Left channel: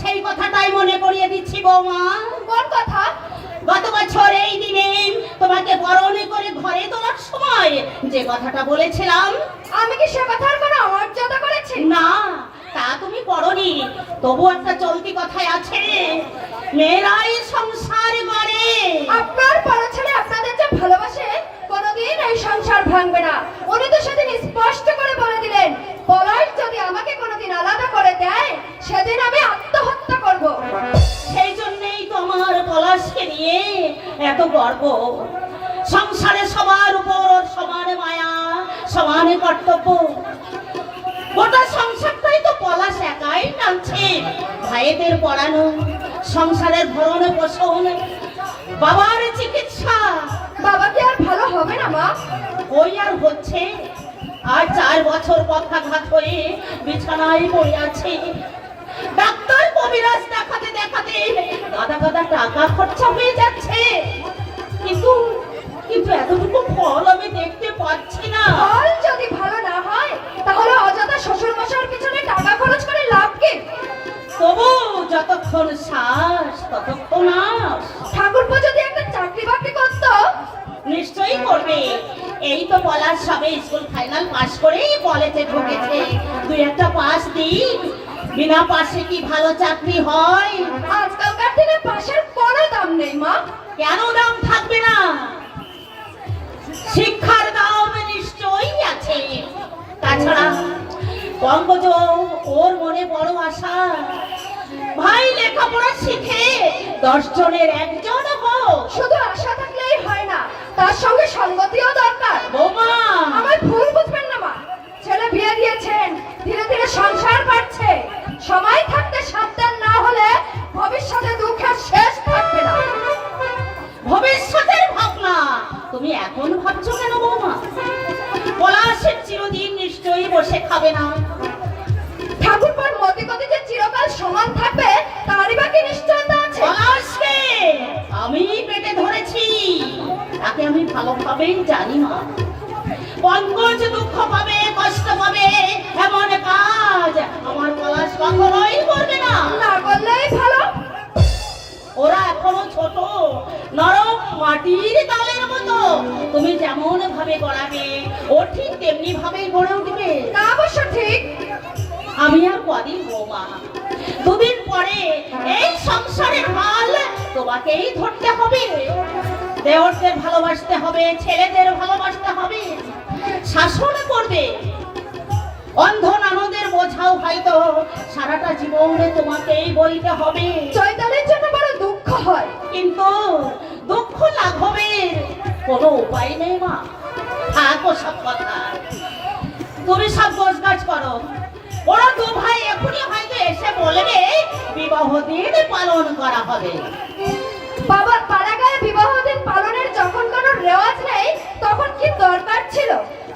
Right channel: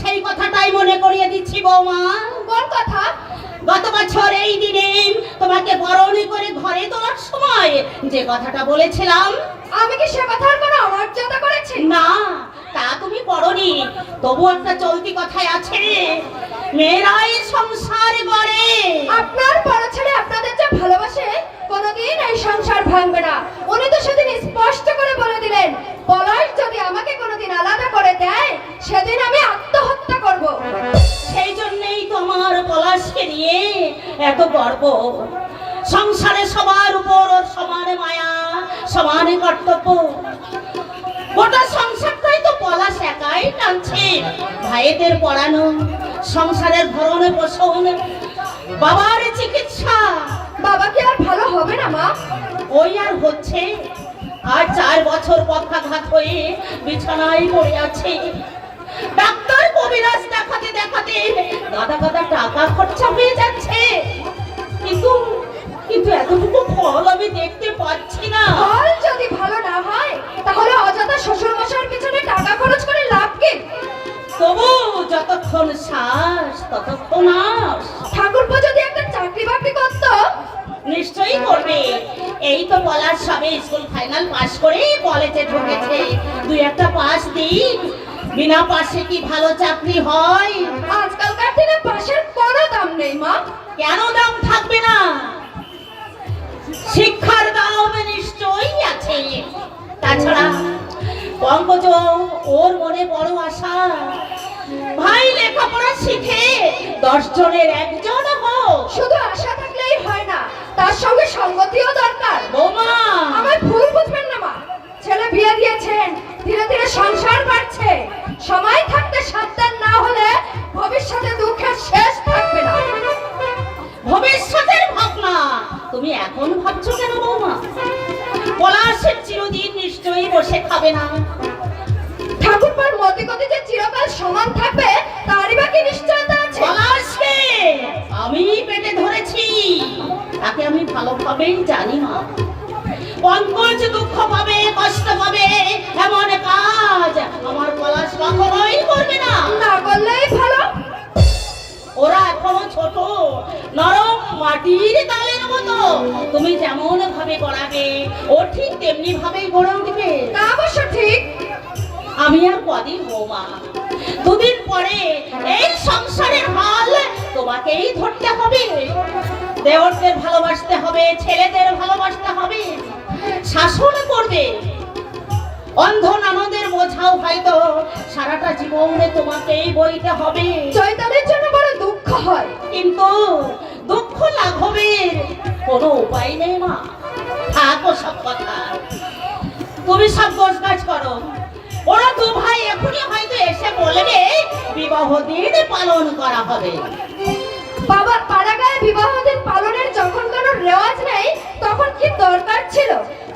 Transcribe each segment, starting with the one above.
সেই কথাটাই মনে করিয়ে দিচ্ছি বৌমা। কোন কথা? গত বছর এই দিনে তোমাকে বরণ করে ঘরে তোলার সময় যে কথাটা বলেছিলাম। আমি কি সে কথার কোনো অমর্যাদা করেছি? না, তা তুমি পড়নি, তবু একটা চলতি কথাই আছে রে, মেয়েরাই সংসার গড়ে। আপনার বড় ছেলে আপনাদের যে ভালোবাসে, কোনোদিন এই সংসার ভাঙবে না। উনি তো সেদিন স্পষ্ট করে বলে দিলেন, পলাশ যদি আমাকে কোনোদিন আলাদা করে দেয়, সেদিন আমি আত্মহত্যা করব। সেই জন্যই তোমার পলাশকে নিয়ে এত গর্ব। সংসারে সবার উপর সমান মায়া, সমান কর্তব্য। গোটা সংসারটাই তো পলাশ একাই টানছে। ভাইদের পড়ানো, সংসারের ভরণ পোষণ, বাবার চিকিৎসা। বাবা কি আর ভালো হবে না মা? ওই আর হচ্ছে। আর 4 বছর পক্ষাঘাত হয়ে বিছানায় পড়ে আছে। ডাক্তার কবিরাজ দেখাতে দেখাতে গাদা গাদা টাকা খরচা হয়ে যাচ্ছে, কিন্তু কিন্তু এতটুকু ফল আমি দেখতে পাচ্ছি না। ফল যদি ভালো না হয়, তাহলে অযথা শ্বশুর মশাইয়ের পিছনে টাকা খরচ করে লাভ কি? তবু যতক্ষণ শ্বাস ততক্ষণ আস। ঠাকুরপো যদি একটা চাকরি বাকরি করতো। নিশ্চয়ই করবে। এই তো বলার সবে স্কুল ফাইনাল পাস করে কলেজে ঢুকেছে। 2-1টা পাস দিই, বিনা পাশে কি ভালো চাকরি হয়? আজকালকার দিনে পাশের কোনো দাম নেই মা। কেন দাম থাকবে না? শিক্ষার দাম নিশ্চয়ই আছে। তাছাড়া পঙ্কজ, ওর মনে বড় আশা, ভাই লেখাপড়া শিখে 10 জনের 1 জন হোক। শুধু আশা থাকলেই হয় না, তার সঙ্গে সঙ্গতিও দরকার। বৌমা, আমায় ভুল বুঝবেন না মা। ছেলে বিয়ে দিয়েছেন, ধীরে ধীরে সংসার বাড়ছে। সময় থাকতে সাবধান না হলে ভবিষ্যতে দুঃখের শেষ থাকবে না। ভবিষ্যতের ভাবনা তুমি এখন ভাবছো কেন বৌমা? পলাশের চিরদিন নিশ্চয়ই বসে খাবে না। ঠাকুরপার মতিগতি যে চিরকাল সমান থাকবে, তারই বাকি নিশ্চয়তা আছে। পলাশকে আমি পেটে ধরেছি, তাকে আমি ভালোভাবেই জানি মা। পঙ্কজ দুঃখ পাবে, কষ্ট পাবে, এমন কাজ আমার পলাশ কখনোই করবে না। না করলেই ভালো। ওরা এখনো ছোট, নরম মাটির তালের মতো। তুমি যেমন ভাবে গড়াবে, ও ঠিক তেমনি ভাবেই গড়ে উঠবে। তা অবশ্য ঠিক। আমি আর কদিন বৌমা, 2 দিন পরে এই সংসারের হাল তোমাকেই ধরতে হবে। দেওরদের ভালোবাসতে হবে, ছেলেদের ভালোবাসতে হবে, শাসন করবে। অন্ধ ননদের বোঝাও হয়তো সারাটা জীবনে তোমাকেই বইতে হবে। চৈতন্যের জন্য বড় দুঃখ হয়, কিন্তু দুঃখ লাঘবের কোনো উপায় নেই মা। থাকো সব কথা, তুমি সব গোছগাছ করো। ওরা 2 ভাই এখনই হয়তো এসে বলবে বিবাহ দিন পালন করা হবে। বাবার পাড়াগায় বিবাহ দিন পালনের যখন কোনো রেওয়াজ নেই, তখন কি দরকার ছিল?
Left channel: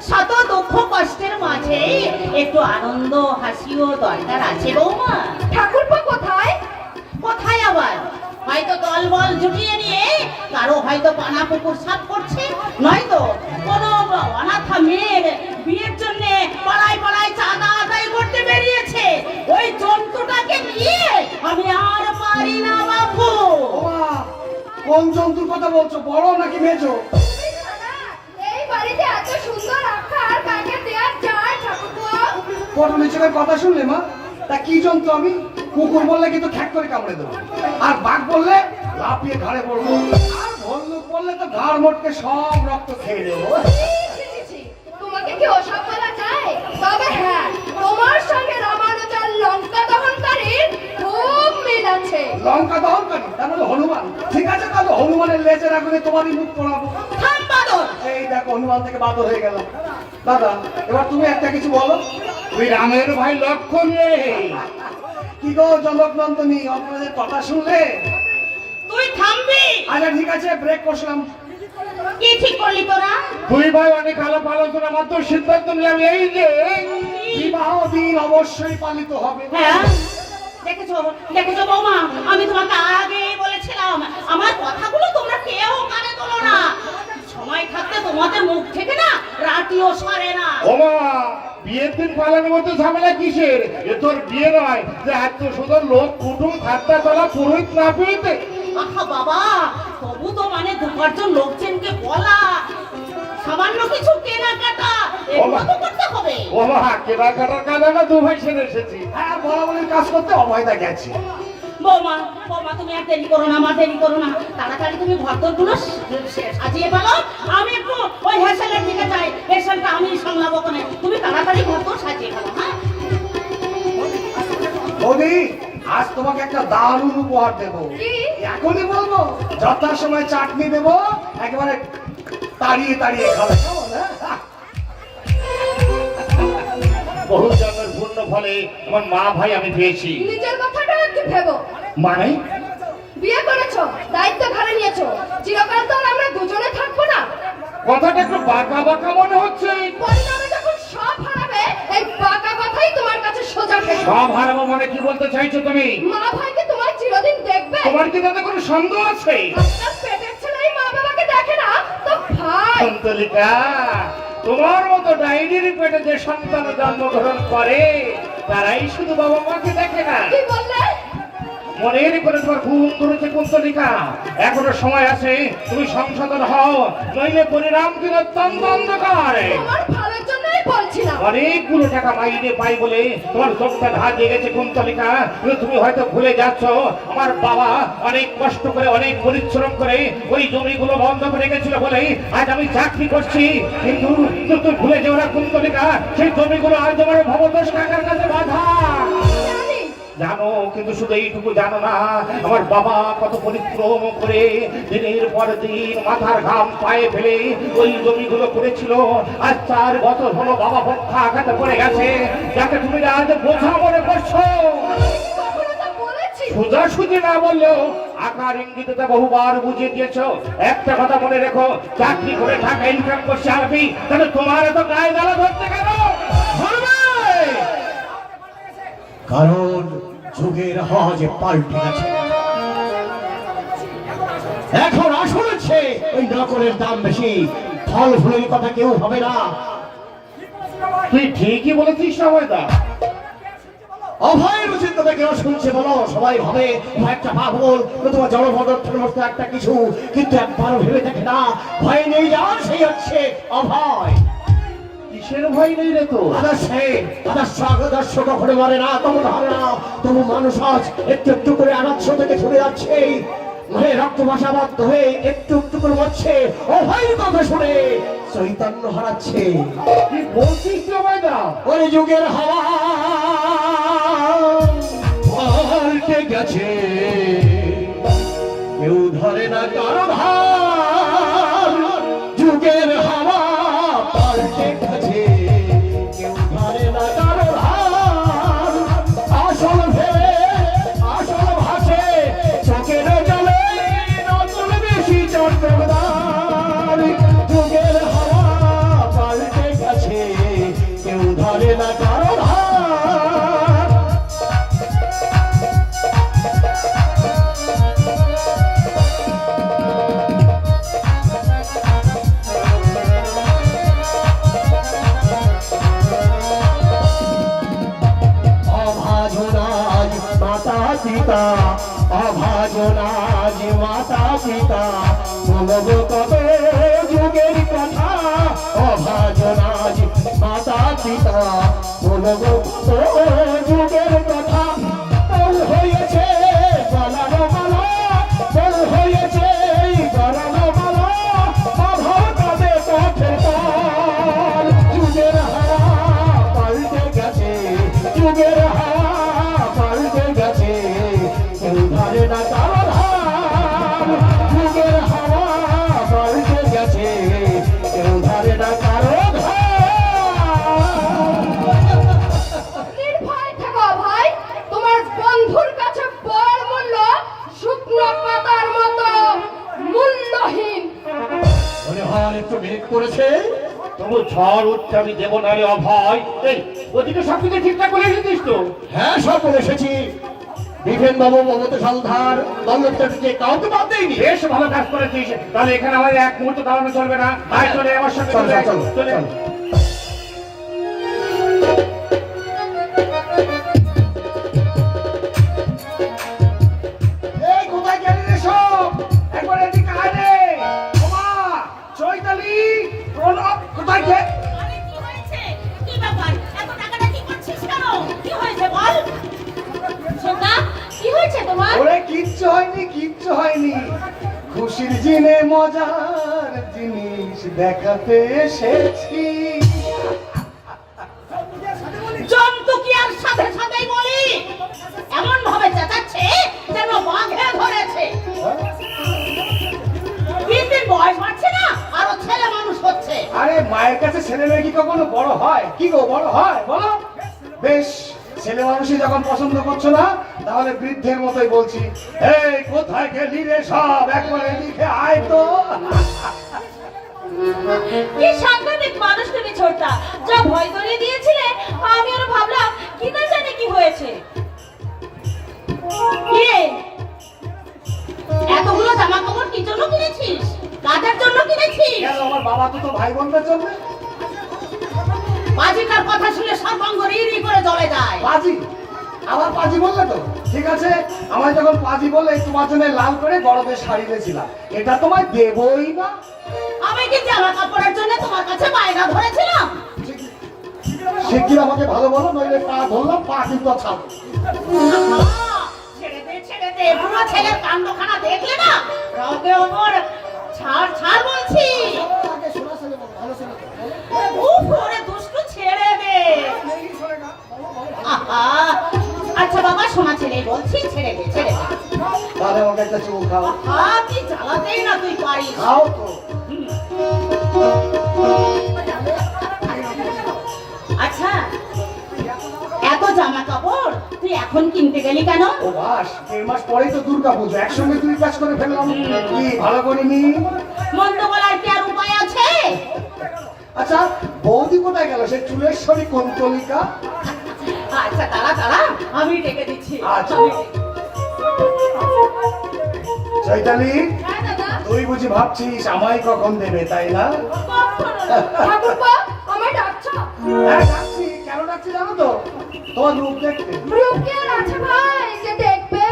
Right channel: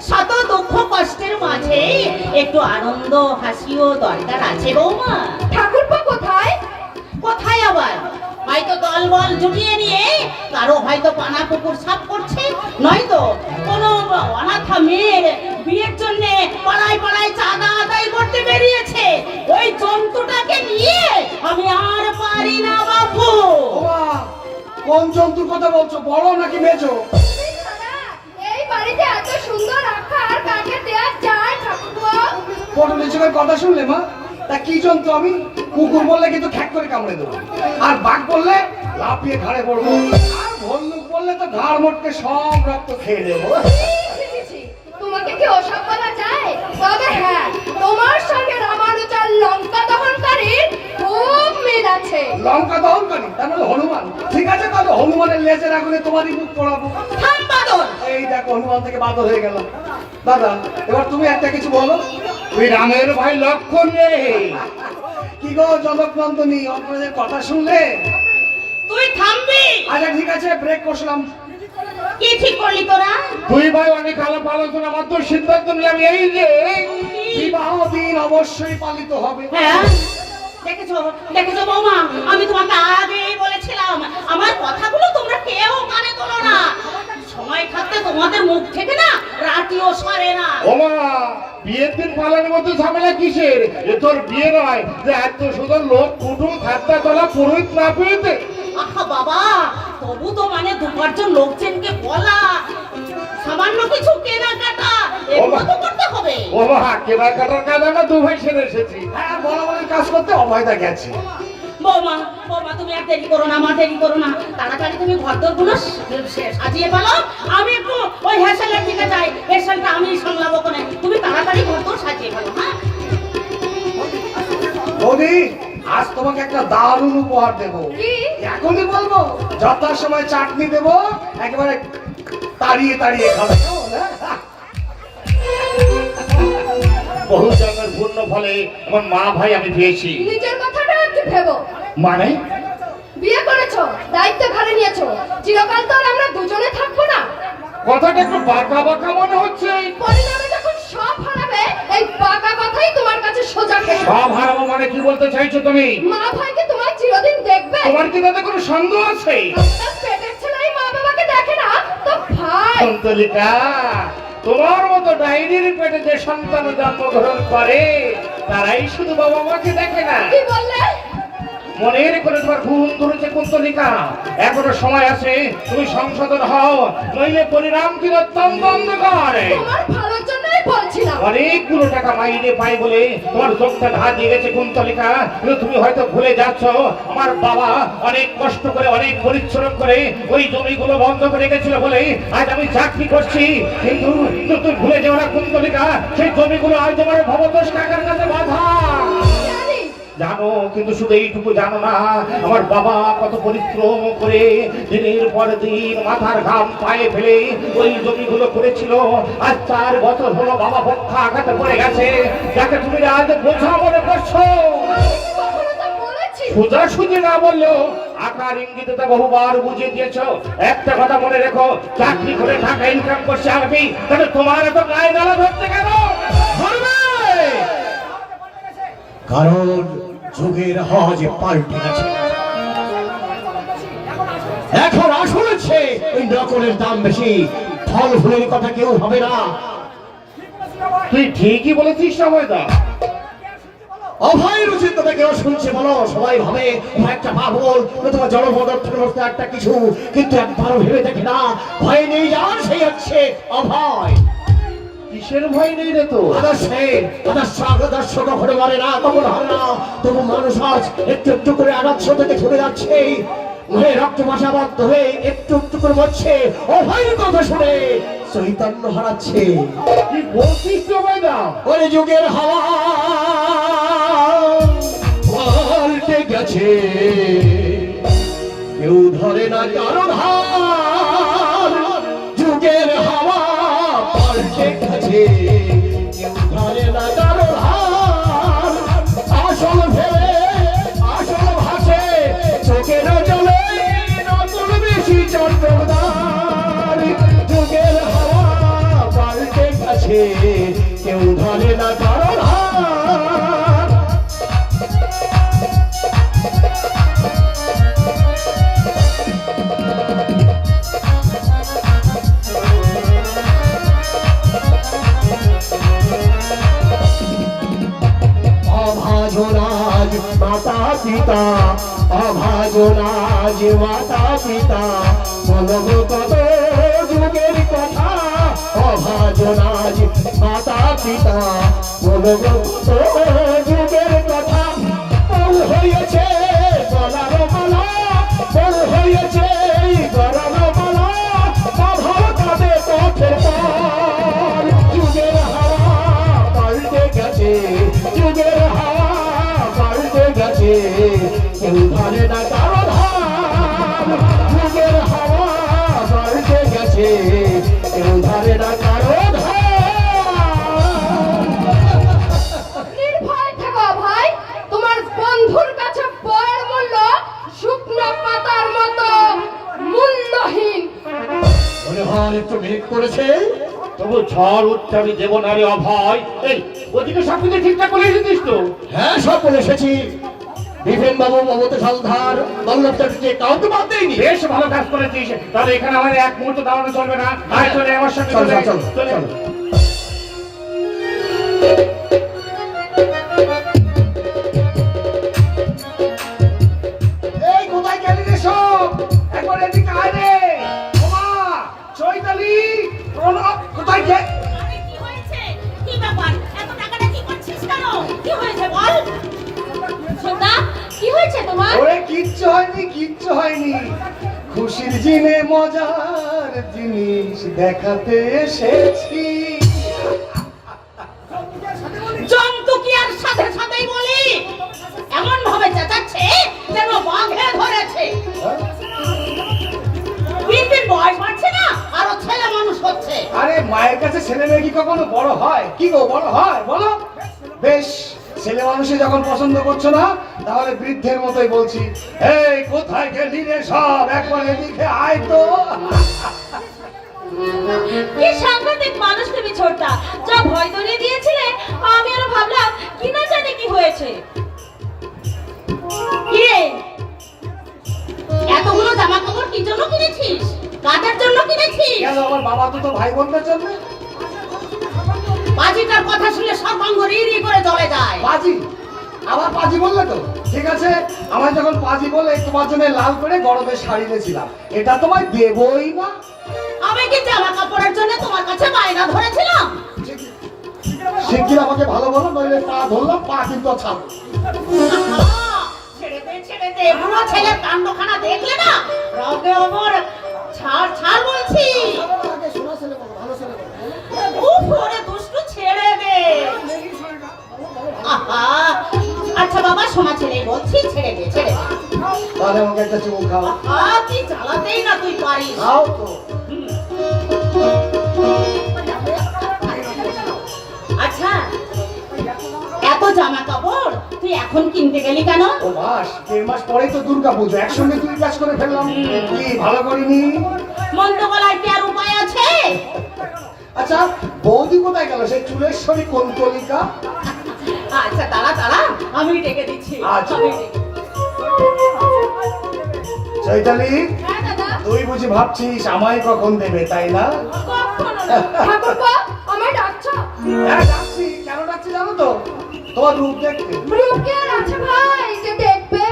শত দুঃখ কষ্টের মাঝে একটু আনন্দ হাসিও দরকার আছে বৌমা। ঠাকুরপো কোথায়? কোথায় আবার? হয়তো দলবল জুটিয়ে নিয়ে কারো হয়তো পানা পুকুর সাফ করছে, নয়তো কোনো অনাথা মেয়ের বিয়ের জন্য পাড়ায় পাড়ায় চাঁদা আদায় করতে বেরিয়েছে। ওই জন্তুটাকে নিয়ে আমি আর পারি না বাবু। কোন জন্তুর কথা বলছো, বড় নাকি মেজো? এই বাড়িতে এত সুন্দর আকার কাকে দেয়া যায় ঠাকুরপো? বড় মেজোর কথা শুনলে মা? তা কি জন্তু আমি? কুকুর বললে কিন্তু ঠ্যাক করে কামড়ে দেবো, আর বাঘ বললে লাফিয়ে ঘাড়ে পড়বো, আর ভল্লুক বললে তো ঘাড় মোটকে সব রক্ত খেয়ে দেবো। তোমাকে কি ওসব বলা যায়? তবে হ্যাঁ, তোমার সঙ্গে রামানুজার লঙ্কা দমনকারীর খুব মিল আছে। লঙ্কা দমনকারী তার মানে হনুমান। ঠিক আছে, তাহলে হনুমানের লেজের আগুনে তোমারই মুখ পড়াবো। থাম বাদর। এই দেখো হনুমান থেকে বাদর হয়ে গেল। দাদা, এবার তুমি একটা কিছু বলো। তুই রামের ভাই লক্ষণ রে। কি গো জনক নন্দনী, আপনাদের কথা শুনলে? তুই থামবি? আচ্ছা ঠিক আছে, ব্রেক করলাম। কি ঠিক করলি তোরা? তুই ভাই আমি খারাপ আলোচনা মাত্র সিদ্ধান্ত নিলাম এই যে বিবাহ দিন অবশ্যই পালিত হবে। হ্যাঁ, দেখেছো দেখেছো বৌমা, আমি তোমাকে আগে বলেছিলাম আমার কথাগুলো তোমরা কেউ কানে তোলো না। সময় থাকতে তোমাদের মুখ থেকে না রাতিও সরে না। ওমা বিয়ের দিন পালানোর মধ্যে ঝামেলা কিসের? এ তোর বিয়ে নয় যে এত সুন্দর লোক কুটুম খাদ্যা তোলা পুরোহিত না পেয়েছে। আহা বাবা, তবু তো মানে দুপারজন লোকজনকে বলা, সামান্য কিছু কেনাকাটা এগুলো তো করতে হবে। ও মা, কেনাকাটার কাজে আমরা দু ভাই সেরে এসেছি। হ্যাঁ, বরাবরের কাজ করতে অভয়দা গেছে। বৌমা, বৌমা তুমি আর দেরি করো না, মা দেরি করো না, তাড়াতাড়ি তুমি ঘরদোরগুলো সাজিয়ে ফেলো। আমি একটু ওই হেসেলের দিকে যাই, হেসেলটা আমি সামলাবো, কোনে তুমি তাড়াতাড়ি ঘরদোর সাজিয়ে ফেলো। হ্যাঁ বৌদি, আজ তোমাকে একটা দারুণ উপহার দেবো। কি? এখনই বলবো? যথাসময় চাটনি দেবো, একেবারে তাড়িয়ে তাড়িয়ে খাবে, কেমন, হ্যাঁ? বহু জন্মের পূর্ণ ফলে আমার মা ভাই আমি পেয়েছি। নিজের কথাটা একটু ভেবো। মানে বিয়ে করেছো, দায়িত্ব ঘাড়ে নিয়েছো, চিরকাল তো আর আমরা দুজনে থাকবো না। কথাটা একটু বাঁকা বাঁকা মনে হচ্ছে। পরিণামে যখন সব হারাবে, এই বাঁকা বাঁকাই তোমার কাছে সোজা খেতে। সব হারাবো মানে কি বলতে চাইছো তুমি? মা ভাইকে তোমার চিরদিন দেখবে। তোমার কি তাতে কোনো সন্দেহ আছে? আপনার পেটের ছেলেই মা বাবাকে দেখে না, তো ভাই। সন্তলিকা, তোমার মতো ডাইনির পেটে যে সন্তান জন্মগ্রহণ করে তারাই শুধু বাবা মাকে দেখে না। কি বললে? মনের করে তোমার ঘুম ধরেছে কুন্তলিকা, এখনো সময় আছে, তুমি সংশোধন হও, নইলে পরিণাম কিন্তু অত্যন্ত অন্ধকার। তোমার ভালোর জন্যই বলছিলাম। অনেকগুলো টাকা মাইনে পাই বলে তোমার চোখটা ধার দিয়ে গেছে কুন্তলিকা, কিন্তু তুমি হয়তো ভুলে যাচ্ছ আমার বাবা অনেক কষ্ট করে, অনেক পরিশ্রম করে ওই জমিগুলো বন্ধ করে গেছিল বলে আজ আমি চাকরি করছি। কিন্তু তুমি ভুলে যাও না কুন্তলিকা, সেই জমিগুলো আজ তোমার ভবতোষ কাকার কাছে বাধা। জানি। জানো, কিন্তু শুধু এইটুকু জানো না আমার বাবা কত পরিশ্রম করে দিনের পর দিন মাথার ঘাম পায়ে ফেলে ওই জমিগুলো করেছিল। আজ 4 বছর হলো বাবা পক্ষা আঘাতে পড়ে গেছে, যাকে তুমি আজ বোঝা মনে করছো। কখনো তো বলেছি। সোজাসুজি না বললেও আকার ইঙ্গিতে তো বহুবার বুঝিয়ে দিয়েছো। একটা কথা মনে রেখো, চাকরি করে টাকা ইনকাম করছে আমি, তাহলে তোমার তো গায়ে জ্বালা ধরতে কেন? ধরবে! কারণ যুগের হজ পাল্টে গেছে। এখন আসলেছে এই নকলের দাম বেশি, ফল ফুলের কথা কেউ হবে না। তুই ঠিকই বলেছিস সময়টা। অভয় রুচির কথা কেউ শুনছে বলো, সবাই ভাবে একটা পাগল অথবা জড়পদার্থের মতো একটা কিছু, কিন্তু একবারও ভেবে দেখে না ভয় নেই যার সেই হচ্ছে অভয়। কিসের ভয় নেই রে তো? আদর্শ কখনো মারে না, কখনো হবে না, তবু মানুষ আজ একটু একটু করে আদর্শ থেকে ছুটে যাচ্ছে, রক্ত ভাষা বাধ্য হয়ে একটু একটু করে মরছে, অভয় কথা শুনে চৈতন্য হারাচ্ছে। কি বলছিস সময় না? ওই যুগের হাওয়া পাল্টে গেছে, কেউ ধরে না কারো ধার। যুগের হাওয়া পাল্টে গেছে, কেউ ধরে না কারো ধার। আসল ভেবে আসল ভাসে, চোখে না চলে নকল বেশি চটকদার। যুগের হাওয়া পাল্টে গেছে, কেউ ধরে না কারো ধার। অভাজনাজ মাতা পিতা, অভাজনাজ মাতা পিতা, বলবো কত যুগের কথা। অভাজনাজ মাতা পিতা, বলবো কত যুগের কথা। বল হয়েছে গলার মালা, বল হয়েছে গলার মালা, বাঁধো তবে পথের পার। যুগের হাওয়া পাল্টে গেছে, যুগের হাওয়া পাল্টে গেছে, কেউ ধরে না কারো ধার। যুগের হাওয়া পাল্টে গেছে, কেউ ধরে না কারো ধার। নির্ভয় থেকো ভাই, তোমার বন্ধুর কাছে বয়ের মূল্য শুকনো পাতার মতো মূল্যহীন। মনে হয় একটু ভেদ করেছে। তবু ঝড় উঠছে আমি দেবো না রে অভয়। এই ওদিকে সব কিছু ঠিকঠাক করে এসেছিস তো? হ্যাঁ, সব বলে এসেছি। বিপিন বাবু, মমতা সন্ধার, বল্লভ চ্যাটার্জি কাউকে বাদ দেয়নি। বেশ ভালো কাজ করেছিস। তাহলে এখানে আমাদের এক মুহূর্ত দাঁড়ানো চলবে না। আয় চলে আমার সঙ্গে চলো, চলে চলো, চলে। চলো। কিচ্ছু হয়নি, খুশির দিনে মজার জিনিস দেখাতে এসেছি। জন্তু কি আর সাথে সাথেই বলি, এমন ভাবে চেঁচাচ্ছে যেন বাঘে ধরেছে। দিন বয়স বাড়ছে না, আরো ছেলে মানুষ হচ্ছে। আরে মায়ের কাছে ছেলে মেয়ে কি কখনো বড় হয়? কি গো, বড় হয় বলো? বেশ, ছেলে মানুষই যখন পছন্দ করছো না, তাহলে বৃদ্ধের মতোই বলছি, এই কোথায় গেলি রে সব, একবারে লিখে আয় তো। কি সাংঘাতিক মানুষ তুমি ছোটটা, যা ভয় ধরিয়ে দিয়েছিলে, আমি আরো ভাবলাম কি না জানি কি হয়েছে। কি রে, এতগুলো জামা কাপড় কি জন্য কিনেছিস? কাজের জন্য কিনেছিস? কেন, আমার বাবা দুটো ভাই বোনদের জন্য। বাজিটার কথা শুনে সব অঙ্গ রি করে জ্বলে যায়। পাজি, আবার পাজি বললে তো? ঠিক আছে, আমায় যখন পাজি বলে তোমার জন্য লাল করে গরমের শাড়ি দিয়েছিলাম, এটা তোমায় দেবই না। আমি কি জামা কাপড়ের জন্য তোমার কাছে বায়না ধরেছিলাম? সে কি আমাকে ভালো বলো, নইলে পা ধরলাম, পা কিন্তু ছাড়ো। ছেড়ে দে, বুড়ো ছেলের কাণ্ডখানা দেখলে না, রগে ওপর ছাড় ছাড় বলছি। উফ, ওরে দুষ্টু, ছেড়ে দে। আহা, আচ্ছা বাবা, শোনা ছেলে বলছি, ছেড়ে দে, ছেড়ে দে। তাহলে আমাকে একটা চুমুক খাও। তুই জ্বালাতেই না, তুই পারিস। খাও তো। আচ্ছা, এত জামা কাপড় তুই এখন কিনতে গেলি কেন? ও বাস, 1.5 মাস পরেই তো দুর্গা পুজো, একসঙ্গে দুই কাজ করে ফেললাম। কি ভালো করিনি? মন্দ করার কি আর উপায় আছে? আচ্ছা, বৌদি কোথায় গেল, সে চুলেশ্বরী কোন্তলিকা? আচ্ছা দাঁড়া দাঁড়া, আমি ডেকে দিচ্ছি। আচ্ছা। আমি ডেকে- চৈতালি, হ্যাঁ দাদা। তুই বুঝি ভাবছিস আমায় কখন দেবে, তাই না? কখনো না। ঠাকুরপো, আমায় ডাকছো? হ্যাঁ ডাকছি, কেন ডাকছি জানো তো? তোমার রূপ দেখতে। রূপকে আর আছে ভাই যে দেখবে?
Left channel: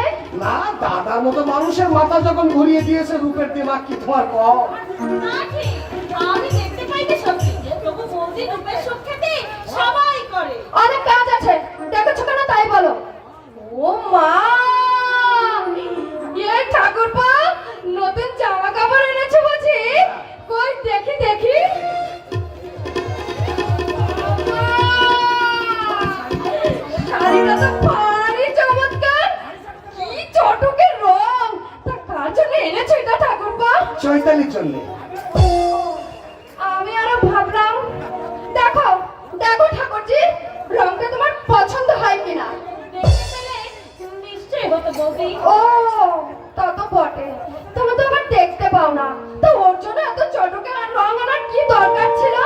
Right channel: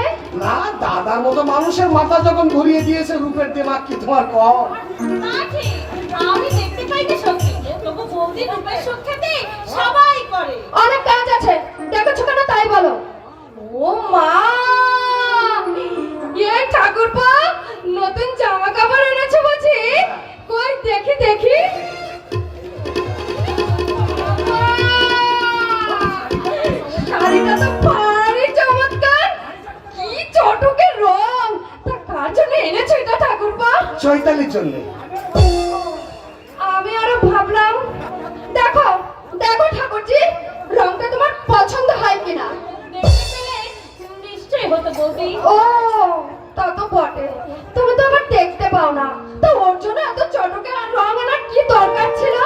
না, দাদার মতো মানুষের মাথা যখন ঘুরিয়ে দিয়েছে রূপের দিমাগ কি তোমার কম? না ঠিক, আমি দেখতে পাইনি সত্যি। তবু বৌদি রূপের সুখ খেতে সবাই করে। অনেক কাজ আছে, দেখেছো কেন তাই বলো। ও মা, এই ঠাকুরপো, নতুন জামা কাপড় এনেছো বুঝি? কই দেখি দেখি। শাড়িটা তো ভারী চমৎকার, কি চটকে রং। তা কার জন্য এনেছো এটা ঠাকুরপো? চৈতালির জন্য। আমি আরো ভাবলাম, দেখো দেখো ঠাকুরজি, রংটা তোমার পছন্দ হয় কিনা। দেখতে পেলে নিশ্চয়ই হতো বৌদি। ও, তা তো বটে, তুমি তো আবার দেখতে পাও না, তো ওর জন্য এত চটকে আর রং আনার কি দরকার ছিল?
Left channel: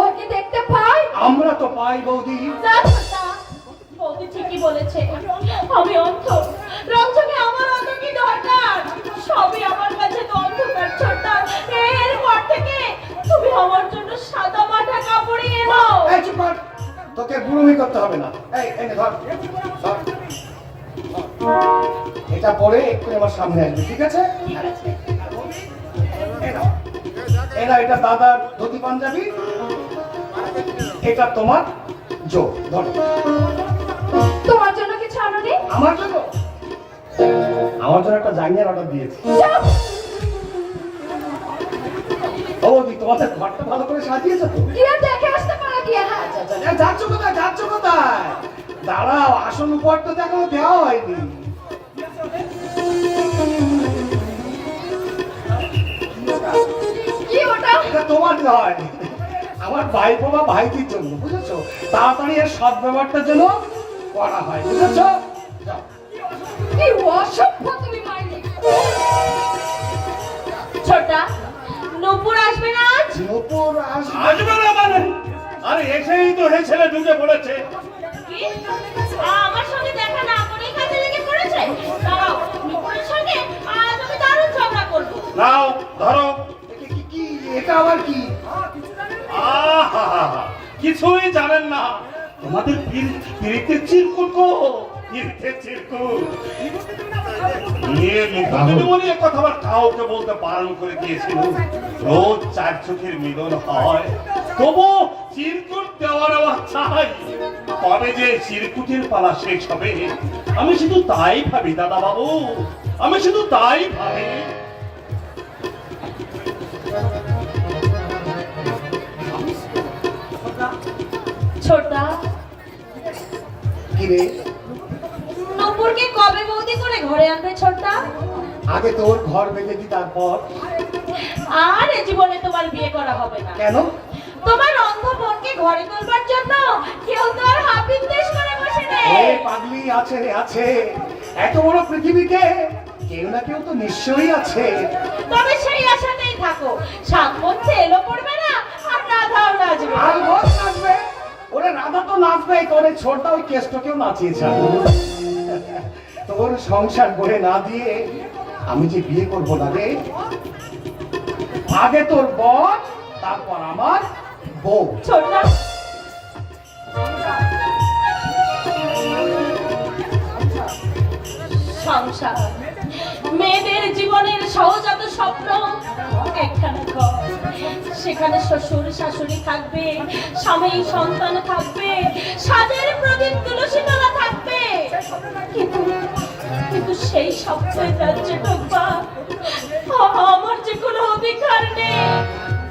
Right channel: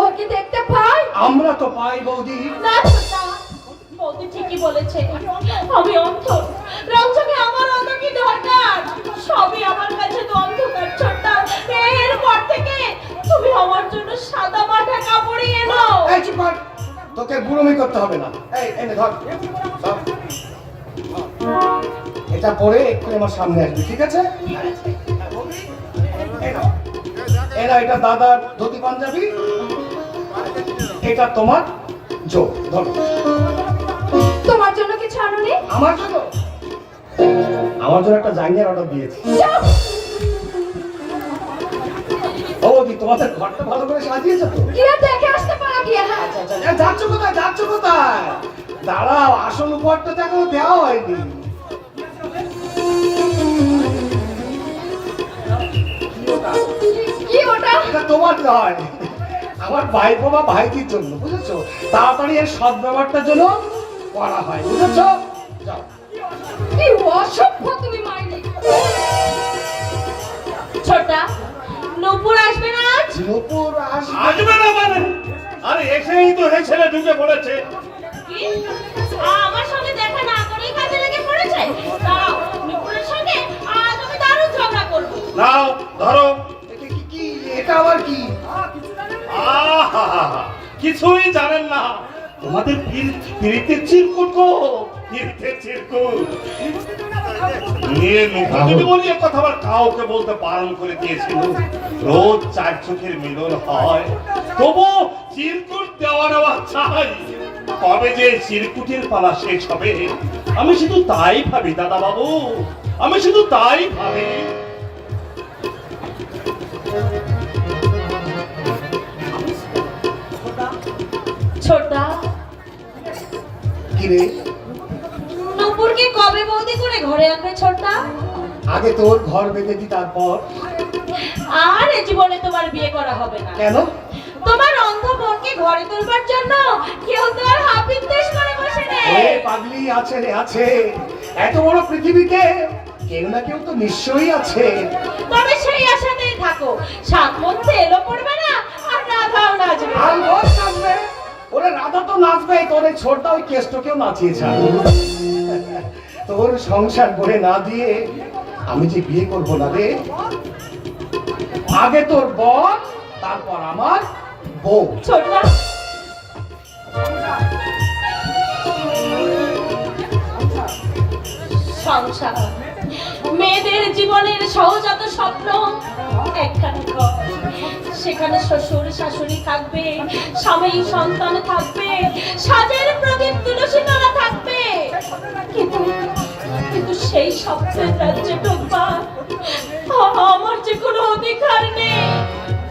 ও কি দেখতে পায়? আমরা তো পাই বৌদি। না ছোটা, বৌদি ঠিকই বলেছে, আমি অন্ধ। রঞ্জকে আমার অন্য কি দরকার? সবই আমার কাছে তো অন্ধকার ছোটা। এরপর থেকে তুমি আমার জন্য সাদা মাঠা কাপড়ই এনো। এই চুপ কর, তোকে গুরুমি করতে হবে না। এই এনে ধর, ধর। এটা পরে একটু আমার সামনে আসবে, ঠিক আছে? এরা এটা দাদার ধুতি পাঞ্জাবি, এটা তোমার জো, ধরো। তোমার জন্য কিছু আনোনি? আমার জন্য একটা জাঙ্গিয়ার অর্ডার দিয়েছি। যাও। ও দি, তোমাদের ঘরটা ভালো করে সাজিয়েছো তো? গিয়ে দেখে আসতে পারো গিয়ে। হ্যাঁ যাচ্ছ কোথায়, যাচ্ছ কোথায়? দাঁড়াও, আসল উপহারটা তো এখনো দেওয়া হয়নি। কি ওটা? এটা তোমার নয়, আমার ভাইপো বা ভাইটির জন্য, বুঝেছো? তাড়াতাড়ি এর সৎ ব্যবহারটা যেন করা হয়, বুঝেছো? যাও। কি অসভ্য তুমি মাইনি। ছোটা, নূপুর আসবে না আজ? নূপুর আসবে। আসবে না মানে? আরে এসেই তো এই ছেলে ঢুকে পড়েছে। কি? আমার সঙ্গে দেখা না করেই কাজে লেগে পড়েছে? দাঁড়াও, নূপুরের সঙ্গে আজ আমি দারুণ ঝগড়া করবো। নাও ধরো। কি এটা আবার কি? আহা, কিছুই জানেন না। তোমাদের পিরিতের চিরকুট গো, পিরিতের চিরকুট। বলি কথা আবার কাউকে বলতে বারণ করে দিয়েছিল। রোজ 4 চোখের মিলন হয়, তবু চিরকুট দেওয়ার চাই, কবে যে চিরকুটের পালা শেষ হবে আমি শুধু তাই ভাবি দাদা বাবু, আমি শুধু তাই ভাবি। ছোটদা, কি রে, নূপুরকে কবে বৌদি করে ঘরে আনবে ছোটদা? আগে তোর ঘর বেঁধে দি, তারপর। আর এ জীবনে তোমার বিয়ে করা হবে না। কেন? তোমার অন্ধ বোনকে ঘরে তোলবার জন্য কেউ তো আর হাফিজ দেশ করে বসে নেই। ওই পাগলি আছে আছে, এত বড় পৃথিবীতে কেউ না কেউ তো নিশ্চয়ই আছে। তবে সেই আশাতেই থাকো, সাত মধ্যে এলো পড়বে না আর রাধাও নাচবে। আর বল নাচবে, ওরে রাধা তো নাচবে, তোর এই ছোটটা ওই কেষ্টকেও নাচিয়েছে। তোর সংসার করে না দিয়ে আমি যে বিয়ে করবো না রে, আগে তোর বর তারপর আমার বউ। ছোটদা, সংসার মেয়েদের জীবনের সহজাত স্বপ্ন, একখানা ঘর, সেখানে শ্বশুর শাশুড়ি থাকবে, স্বামী সন্তান থাকবে, সাজের প্রদীপ তুলসী মালা থাকবে, কিন্তু কিন্তু সেই স্বপ্নের রাজ্যে ঢোকবার আমার যে কোনো অধিকার নেই,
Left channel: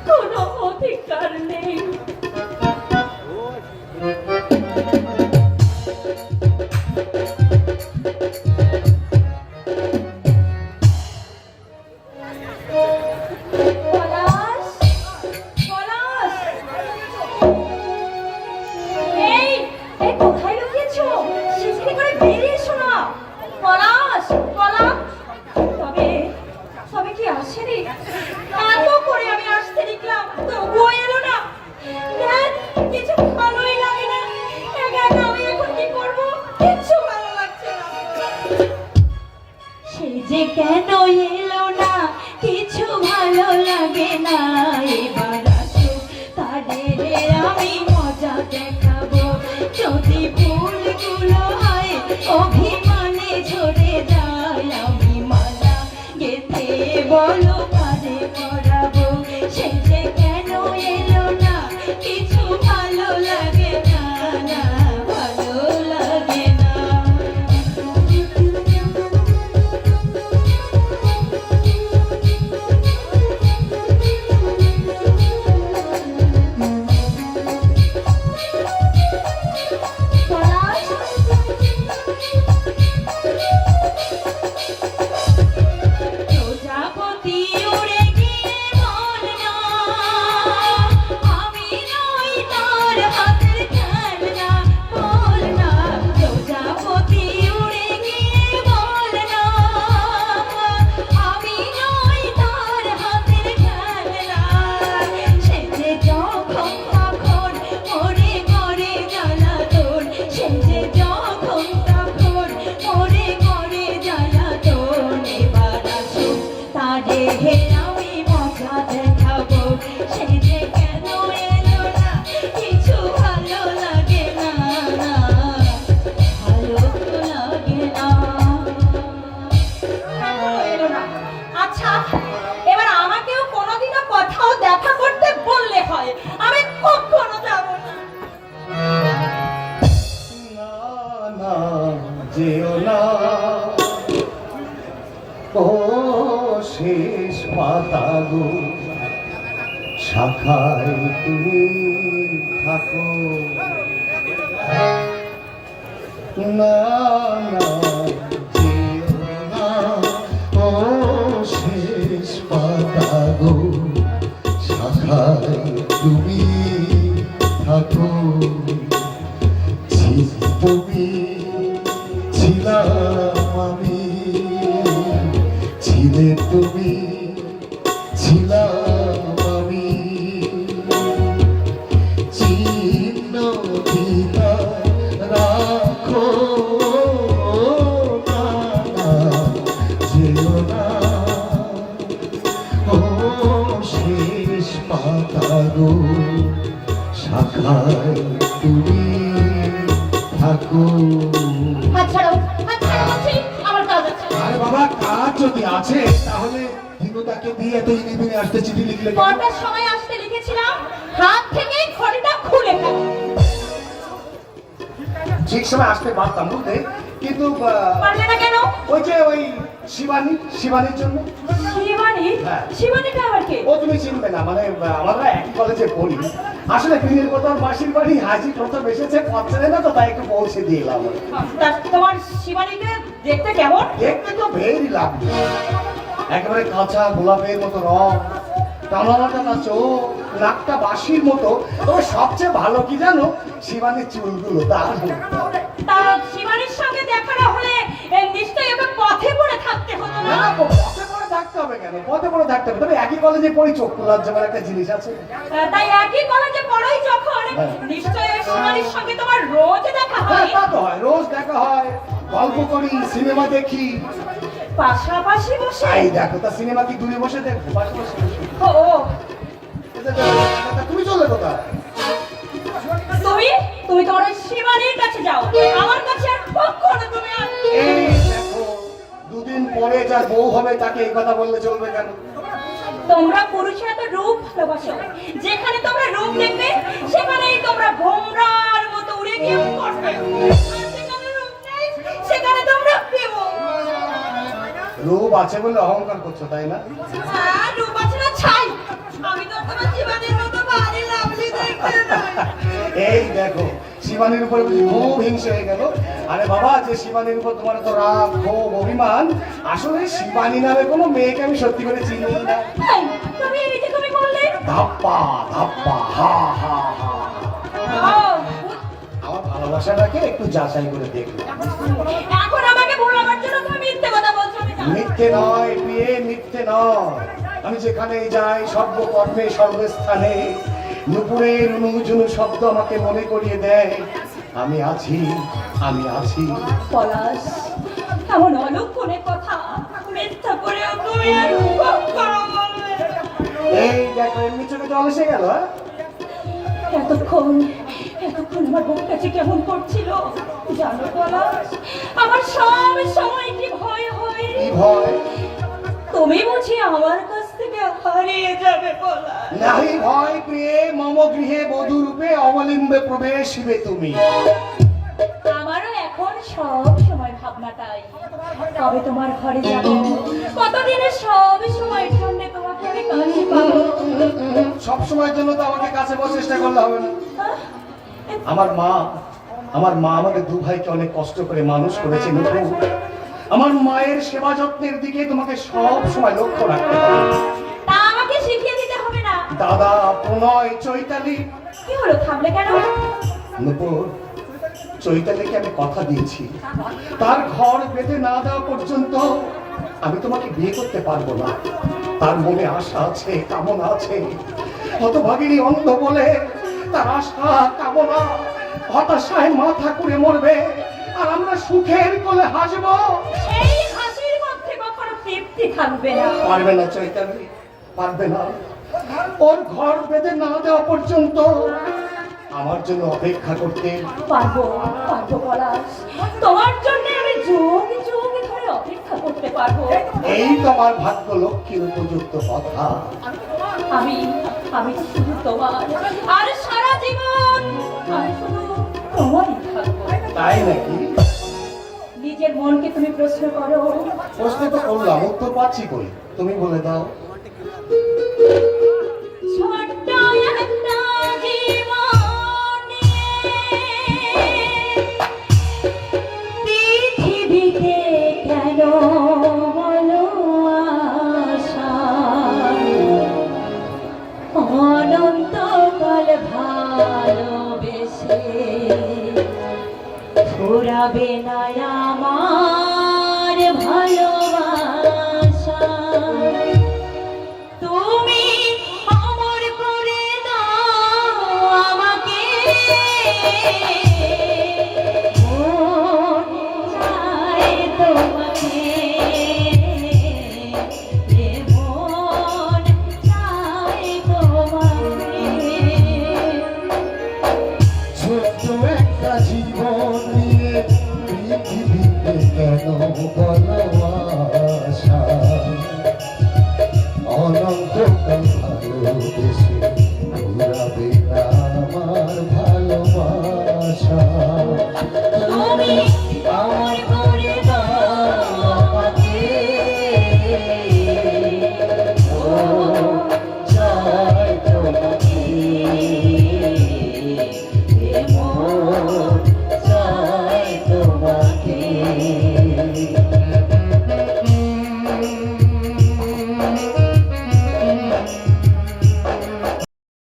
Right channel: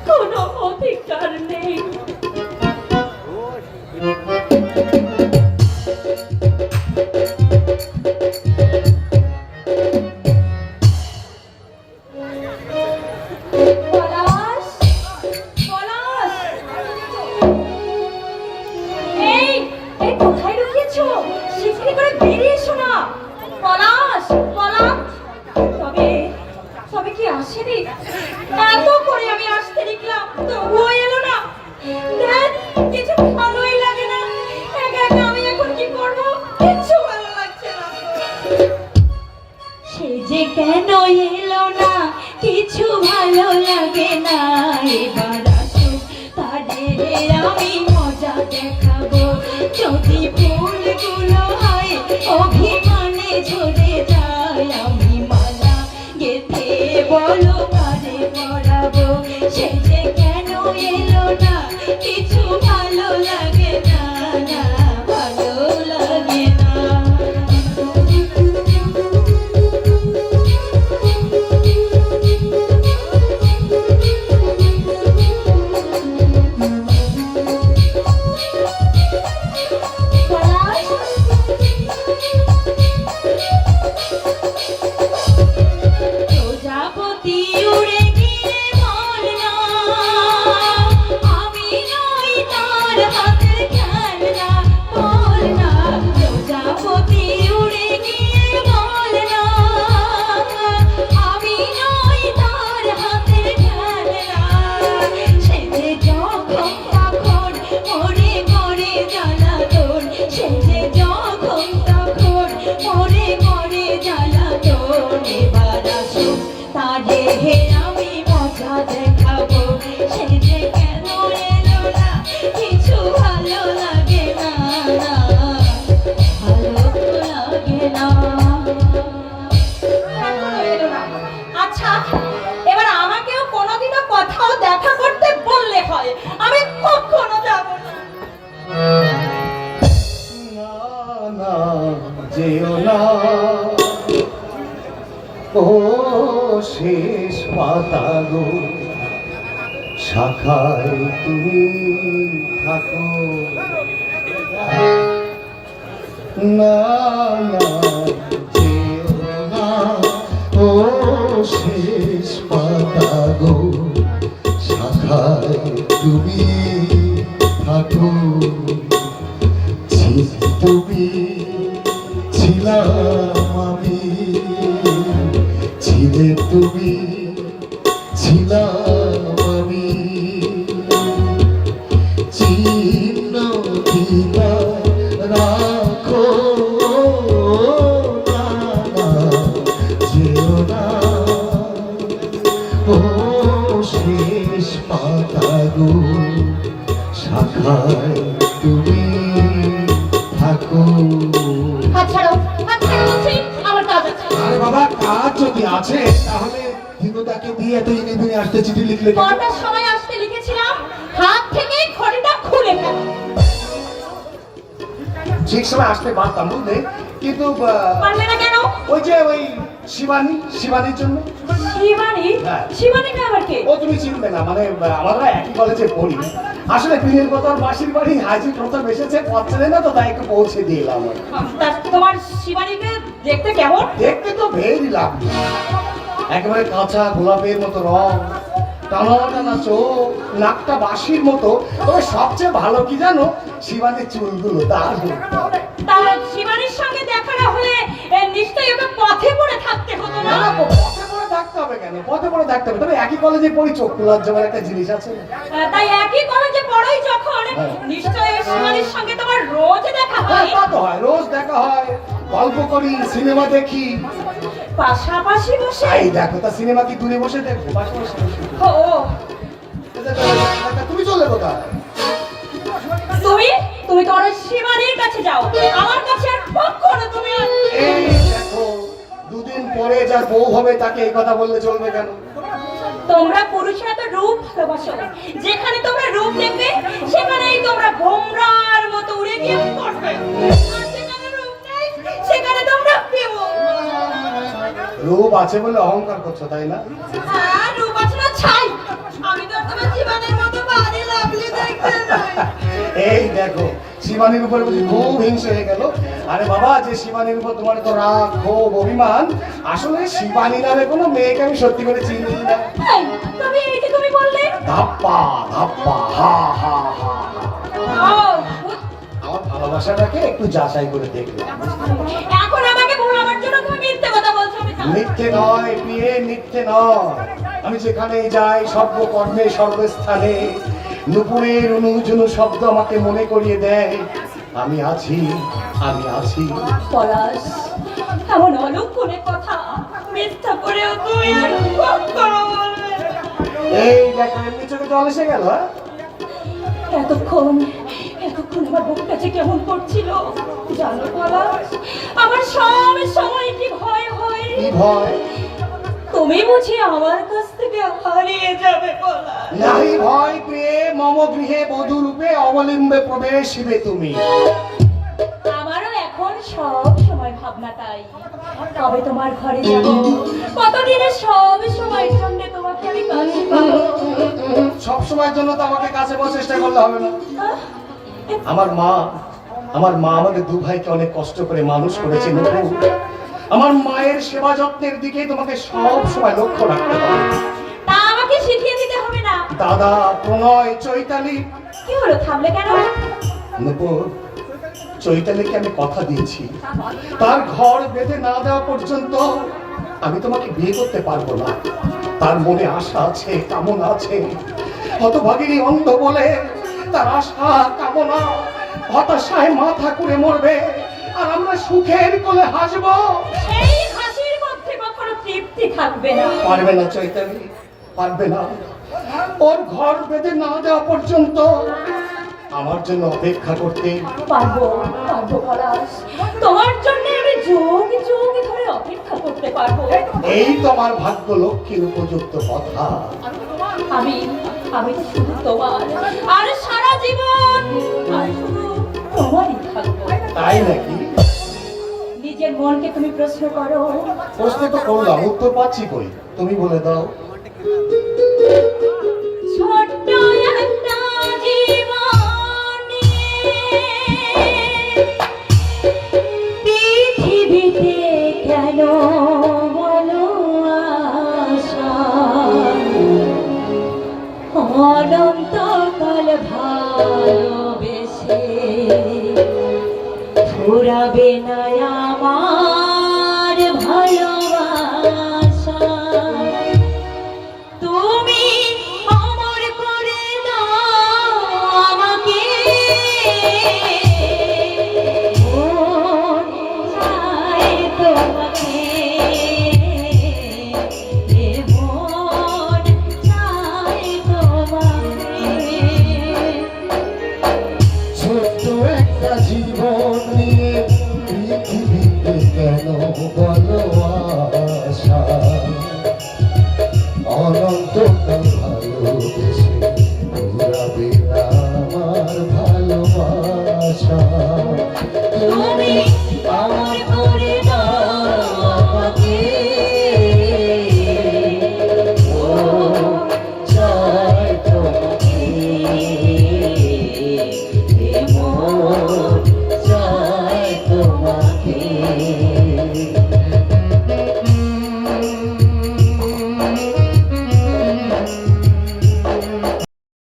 কোনো অধিকার নেই। পলাশ, পলাশ, এই এই কোথায় লুকিয়েছো? শিগগিরই করে বেরিয়ে এসো না। পলাশ, পলাশ, তবে তবে কি আসেনি? এত করে আমি আসতে লিখলাম, তবুও এলো না। দেখ, কিছু ভালোই লাগে না। একা একা আমি এখন কি করবো? কিচ্ছু ভালো লাগছে না। সে যে কেন এলো না, কিছু ভালো লাগে না। এবার আসুক, তাদের আমি মজা দেখাবো। যদি ফুলগুলো হয় অভিমানে ঝরে যায়, আমি মালা গেঁথে বলো কারে পরাবো। সে যে কেন এলো না, কিছু ভালো লাগে না, না ভালো লাগে না। প্রজাপতি উড়ে গিয়ে বল না, আমি নই তার হাতের খেলনা, বল না। প্রজাপতি উড়ে গিয়ে বল না, আমি নই তার হাতের খেলনা। সে যে যখন তখন মরে মরে জ্বালাতন, সে যে যখন তখন মরে মরে জ্বালাতন। এবার আসুক, তারে আমি মজা দেখাবো। সে যে কেন এলো না, কিছু ভালো লাগে না, না ভালো লাগে না। এখনো এলো না। আচ্ছা, এবার আমাকেও কোনোদিনও কোথাও দেখা করতে বললে হয়, আমি কখনো যাব না। না, যেও না, ও শেষ পাতা গো, শাখায় তুমি থাকো। না, যেও না, ও শেষ পাতা গো, শাখায় তুমি থাকো। তুমি ছিলাম আমি, ছিলে তুমি, ছিলাম আমি, চিহ্ন দিলা রাখো না, না, যেও না, ও শেষ পাতা গো, শাখায় তুমি থাকো। হাত ছাড়ো, হাত ছাড়ো বলছি, আমার কাজ আছে। আরে বাবা, কাজ যদি আছে তাহলে দিনুদাকে দিয়ে এত ইনি আসতে চিঠি লিখলে কেন? কটার সময় আসতে লিখেছিলাম, হাত থেকে ঘড়িটা খুলে ঠিক সময় আসতে পারতাম বুঝলে, কিন্তু পারলে না কেন? ওই শিবানীর জন্য। শিবানী? হ্যাঁ। শিবানীটা আবার কে? ও তুমি চিনবে না, মানে আমরা একই কলেজে পড়ি। আসলে দিনের কথা মাসির বাড়ি হাজি প্রথম এসেছে, পথে না তো তাই একটু পৌঁছে দিয়ে এলাম। তা তোমার শিবানীকে দেখতে কেমন? দেখতে তো ভেরি লাগবে, একেবারে কাঁচা গোলাপের মতো রং, টানা টানা চোখ, নাকটা বাঁশির মতো। তবে সবচেয়ে ভালো কি জানো, শিবানীর চুলগুলো দারুণ। তা শিবানীর সঙ্গে দেখা না হলে নিশ্চয়ই ওকে পথে পড়ে থাকতে হতো না না? না, পথে পড়ে থাকতে হবে কেন? পথে পড়ে থাকতে হবে, তবে একই কলেজে পড়ি, চোখ লজ্জার একটা জিনিস আছে। তাই একই কলেজে পড়োই যখন, নিশ্চয়ই শিবানীর সঙ্গে তোমার রোজ দেখা হ্যাঁ, হয়। তা তো হয়, রোজ দেখা হয়, গল্প করি, সিনেমা দেখি। পাশাপাশি বসে? এই দেখো, তা সিনেমা কি দূরে বসে দেখবো? পাশে বসে বসে। ও, তুমি চলে কোথায়? তুমি তোমার শিবানীর কাছে যাও, আমার কাছে আর কখনো তুমি এই দেখো, দুদিন পরে যার বউ হবে তাকে এই কথা বললে চলবে কেন? তোমরা পুরুষরা তো রূপ ভালোবাসো, যেখানে তোমরা রূপ দেখবে সেখানেই তোমরা ভোমরার মতো উড়ে গিয়ে পড়বে, আর যেখানে রূপ নেই সেখানে তোমরা পেও। রূপ আছে বলে অহংকার করছো, তাই না? আর রূপ আছে না ছাই, আমি তো তোমার জীবনের মতো ভারী লাভলি দেখতে নই। এই দেখো, শিবানীর উপর খুব হিংসে হয়ে গেল। আরে বাবা, যে শিবানীর উপর তোমার তো রাগ, ক্ষোভ, অভিমান, আসলে শিবানী নামে কোনো মেয়েকে আমি সত্যি করে চিনি না। এই, তুমি এই যে তুমি বললে ধাপ্পা ধাপ্পা, হা হা হা। ও, আমার ভালোবাসাটাকে একটু যাচাই করে দেখলাম। এখন আমাকে ভোলাবার জন্য তুমি মিথ্যে কথা বলছো, আমি জানি। মিথ্যে নয় প্রিয়ে, মিথ্যে নয়। আমি যেখানে যাই, সর্বকর্মে সর্বস্থানে নুপুরের অনুজনু শব্দ আমাকে মনে করিয়ে দেয় আমি আছি, আমি আছি। পলাশ, এমন অলক্ষণের কথা মিথ্যা করেও তুমি আর কখনো বলবে না। এই দেখো, এমনি চোখে জল এসে গেল। এতক্ষণ আমার বুক কাছে কেমন করছিল জানো পলাশ, আমার সব সময় কি ভয় হয়। কি ভয়? তুমি বুঝি আমার কাছ থেকে হারিয়ে যাবে পলাশ? নাহি ভয় প্রিয়ে, মম গৃহে বধূ রূপে অবলিম্বে প্রবেশিবে তুমি। আমারও এখন সব সময় ভাবনা তাই, কবে তোমার ঘরে যাব, কতদিনে সব সময়ের জন্য তোমাকে আমি কাছে পাবো। সব সময়ের জন্য তো আমাকে কাছে পাওয়ার চেষ্টা করলে হবে না। আহ, আমার মা আমাদের দু ভাইকে অনেক কষ্ট করে মানুষ করেছে নুপুর। আমার মায়ের সেবা যত্নের দিকে তোমাকে সব সময় লক্ষ্য রাখতে হবে। তা আমাকে শিখিয়ে দিতে হবে না? দাদা, প্রণয়, চৈতালি। কি হলো, থামলে কেন? নুপুর, চৈতালিকে আমি কথা দিয়েছি, তার ঘর বেঁধে না দেওয়া পর্যন্ত আমি তোমাকে বিয়ে করতে পারবো না। তার মনে আশা আছে, কামনা আছে। হতভাগিনী অন্ধ বলে তার আশা কামনা হতাশায় মাথা করে মরবে, আর আমরা সুখের কোলে হাসবো। এই হাসির মধ্যে কখনো তৃপ্তি থাকবে না। পারবে না চৈতালি, পারবে না। ওর ঘর বেঁধে না দেওয়া পর্যন্ত আমার জন্য অপেক্ষা করতে। পারবো পলাশ, তোমার জন্য আমি যুগ যুগ ধরে অপেক্ষা করতে পারবো। এই তো আমার ভাগ্য লক্ষ্মীর উপযুক্ত কথা। আমি শুধু তোমার, আর সারা জীবন আমি শুধু তোমারই থাকবো। তাই নাকি? নিজের মনকে তুমি প্রশ্ন করো। প্রশ্ন তো করলাম, উত্তর পাচ্ছি কই? তুমি বলে দাও। ছোট্ট একটা জীবন নিয়ে পৃথিবীতে কেন বলো আশা, অনন্তকাল ভালোবেসে ফুরাবে না আমার ভালোবাসা। তুমি অমর করে দাও আমাকে, মন চায় তোমাকে, মন চায় তোমাকে। ছোট্ট একটা জীবন নিয়ে পৃথিবীতে কেন বলো